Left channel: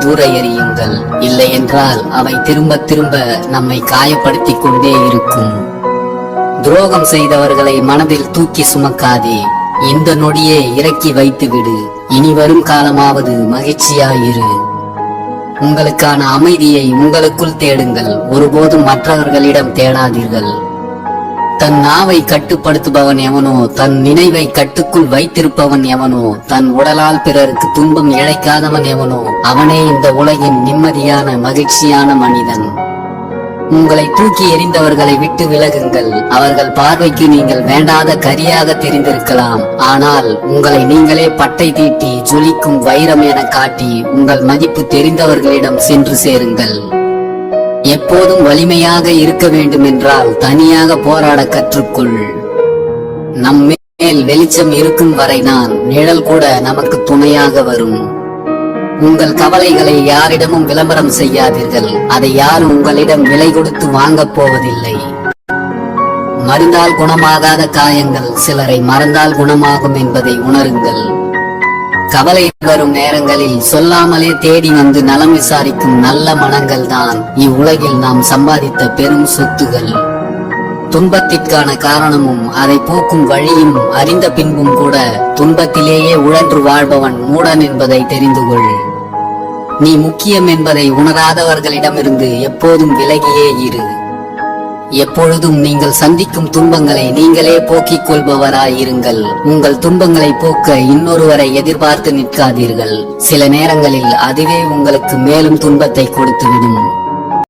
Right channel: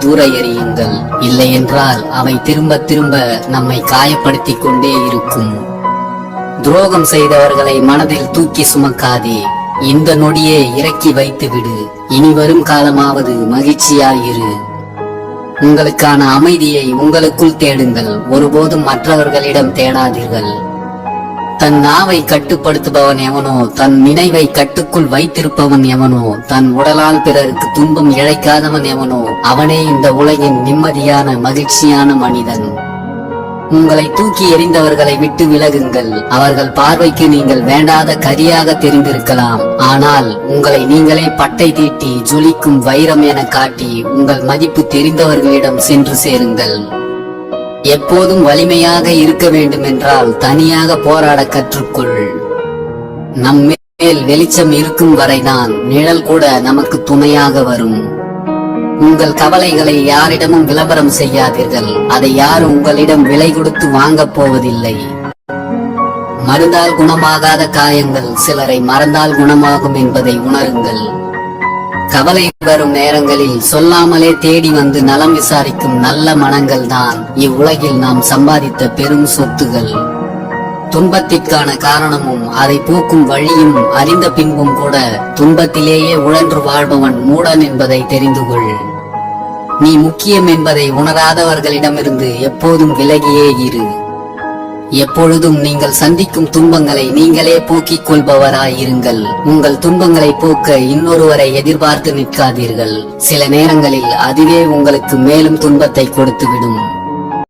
தூர எறியுங்கள். இல்லை என்றால் அவை திரும்ப திரும்ப நம்மை காயப்படுத்திக் கொண்டே இருக்கும். துரோகம் செய்தவர்களை மனதில் தூக்கி சுமக்காதே. இந்த நொடியே இறக்கி வைத்து விடு. இனி வரும் காலமாவது மகிழ்ச்சியாயிரு. உங்களுக்கான அமைதியை உங்களுக்குள் தேடுங்கள். ஒருபோதும் மற்றவர்களிடம் தேடாதீர்கள். தன் நாவை கட்டுப்படுத்துபவன் எவனோ, தன் நினைவை கட்டுக்குள் வைத்திருப்பவன் எவனோ, தன் உடலால் பிறருக்கு துன்பம் இழைக்காதவன் எவனோ, அவனே இந்த உலகின் நிம்மதியான மகிழ்ச்சியான மனிதன். உங்களை தூக்கி எறிந்தவர்களை விட்டு விலகுங்கள். அவர்கள் பார்வைக்கு நீங்கள் வேண்டாத கரியாக தெரிந்திருக்கலாம். ஆனால் உங்களை நீங்களே பட்டை தீட்டி ஜொலிக்கும் வைரம் என காட்டி உங்கள் மதிப்பு தெரிந்தவர்களிடம் சென்று சேருங்கள். எப்போதும் வலிமையாக இருக்க வேண்டும் என்றால் தனியாக போராட கற்றுக்கொள். நம் மேல் வெளிச்சம் இருக்கும் வரைதான் நிழல் கூட நமக்கு துணையாக வரும். உங்கள் கவலைகளை யாரிடமும் விளம்பரம் செய்யாதீர்கள். அதை யாரும் உங்களிடம் விலை கொடுத்து வாங்கப் போவதில்லை. மருந்தால் குணமாகாத காயங்கள் சிலரை மறந்தால் குணமாகும் என்பதை உணருங்கள். கவலை வரும் நேரங்களில் சொல்லாமலே தேடி வந்து நலம் விசாரிக்கும் நல்ல மனங்கள் தான் இவ்வுலகில் நாம் சம்பாதித்த பெரும் சொத்துகள். துன்பத்திற்கான காரணமும் அதை போக்கும் வழியும் அறிந்த பின்பும் கூட துன்பத்திலேயே உழன்று வாழ்பவன் மூடன் என்பதை தெரிந்து கொள். நீ முக்கியம் என்பதை உணராதவர்களிடமிருந்து எப்போதும் விலகியே இரு. எப்பொழுதும் நீங்கள் சந்திக்கும் துன்பங்களை நீங்களே போக்கிக் கொள்பவராயிருங்கள். உங்கள் துன்பங்களை போக்க இன்னொருவரை எதிர்பார்த்து நிற்காதீர்கள். சில நேரங்களில் அதுவே உங்களுக்கு மேலும் துன்பத்தை கொடுத்துவிடும்.